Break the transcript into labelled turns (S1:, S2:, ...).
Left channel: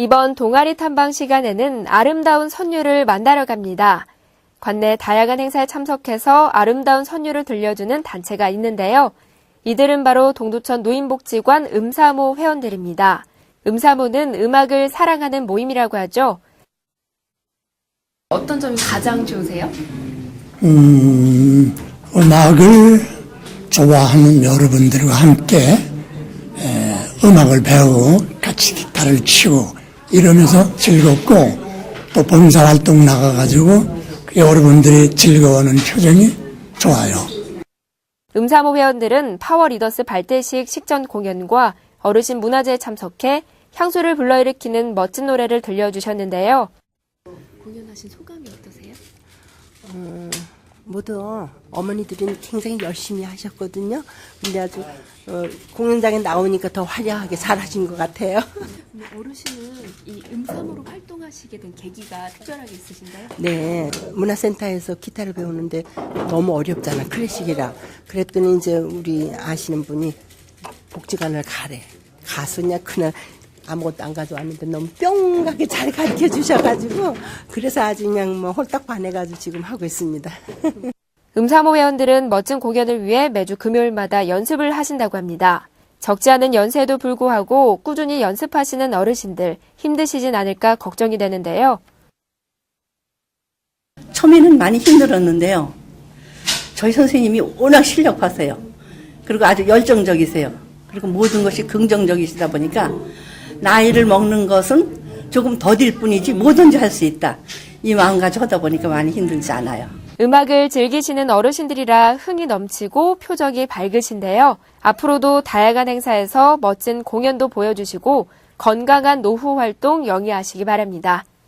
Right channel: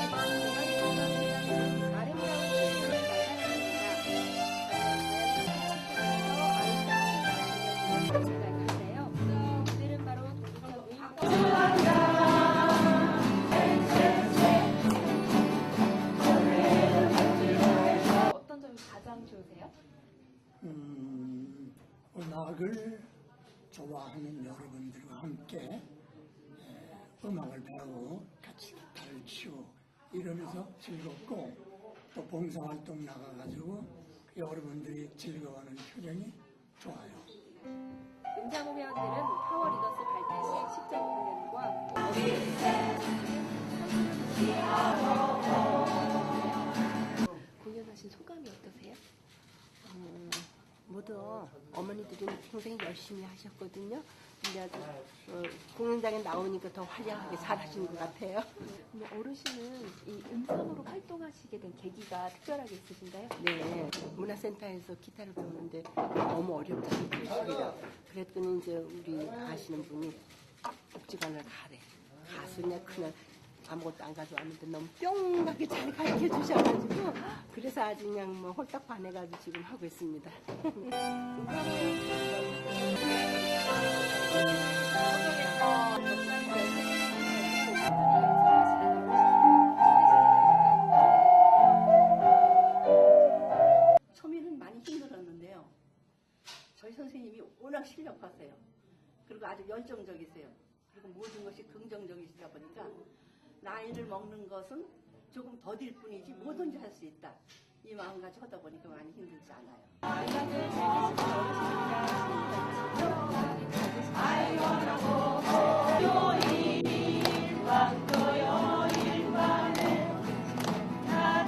S1: 이번 동아리 탐방 시간에는 아름다운 선율을 만나러 갑니다. 관내 다양한 행사에 참석해서 아름다운 선율을 들려주는 단체가 있는데요. 이들은 바로 동두천 노인복지관 음사모 회원들입니다. 음사모는 음악을 사랑하는 모임이라고 하죠.
S2: 어떤 점이 가장 좋으세요?
S3: 음, 음악을 좋아하는 여러분들과 함께 에, 음악을 배우고 같이 기타를 치고 이러면서 즐겁고 또 봉사 활동 나가가지고 그 여러분들이 즐거워하는 표정이 좋아요.
S1: 음사모 회원들은 파워 리더스 발대식 식전 공연과 어르신 문화제에 참석해 향수를 불러일으키는 멋진 노래를 들려주셨는데요.
S2: 공연하신 소감이 어떠세요?
S4: 모두 어머니들은 굉장히 열심히 하셨거든요. 근데 아주 어, 공연장에 나오니까 더 화려하게 잘하신 것 같아요.
S2: 근데 어르신은 이 음사모로 활동하시게 된 계기가 특별하게 있으신가요?
S4: 네, 문화센터에서 기타를 배우는데 너무 어렵잖아 클래식이라. 그랬더니 이제 우리 아시는 분이 복지관을 가래. 가수냐 그냥 아무것도 안 가져왔는데 너무 뿅하게 잘 가르쳐 주셔가지고 그래서 아주 그냥 뭐 홀딱 반해가지고 지금 하고 있습니다.
S1: 음사모 회원들은 멋진 공연을 위해 매주 금요일마다 연습을 하신다고 합니다. 적지 않은 연세에도 불구하고 꾸준히 연습하시는 어르신들 힘드시진 않을까 걱정이 되는데요.
S5: 처음에는 많이 힘들었는데요. 저희 선생님이 워낙 실력 파세요. 그리고 아주 열정적이세요. 그리고 모든 것이 긍정적이시다 보니까 나이를 먹는 것은 조금 더딜 뿐이지 뭐든지 할 수 있다. 이 마음가짐 하다 보니까 많이 힘들지 않아요.
S1: 음악을 즐기시는 어르신들이라 흥이 넘치고 표정이 밝으신데요. 앞으로도 다양한 행사에서 멋진 공연도 보여주시고 건강한 노후 활동 영위하시기 바랍니다.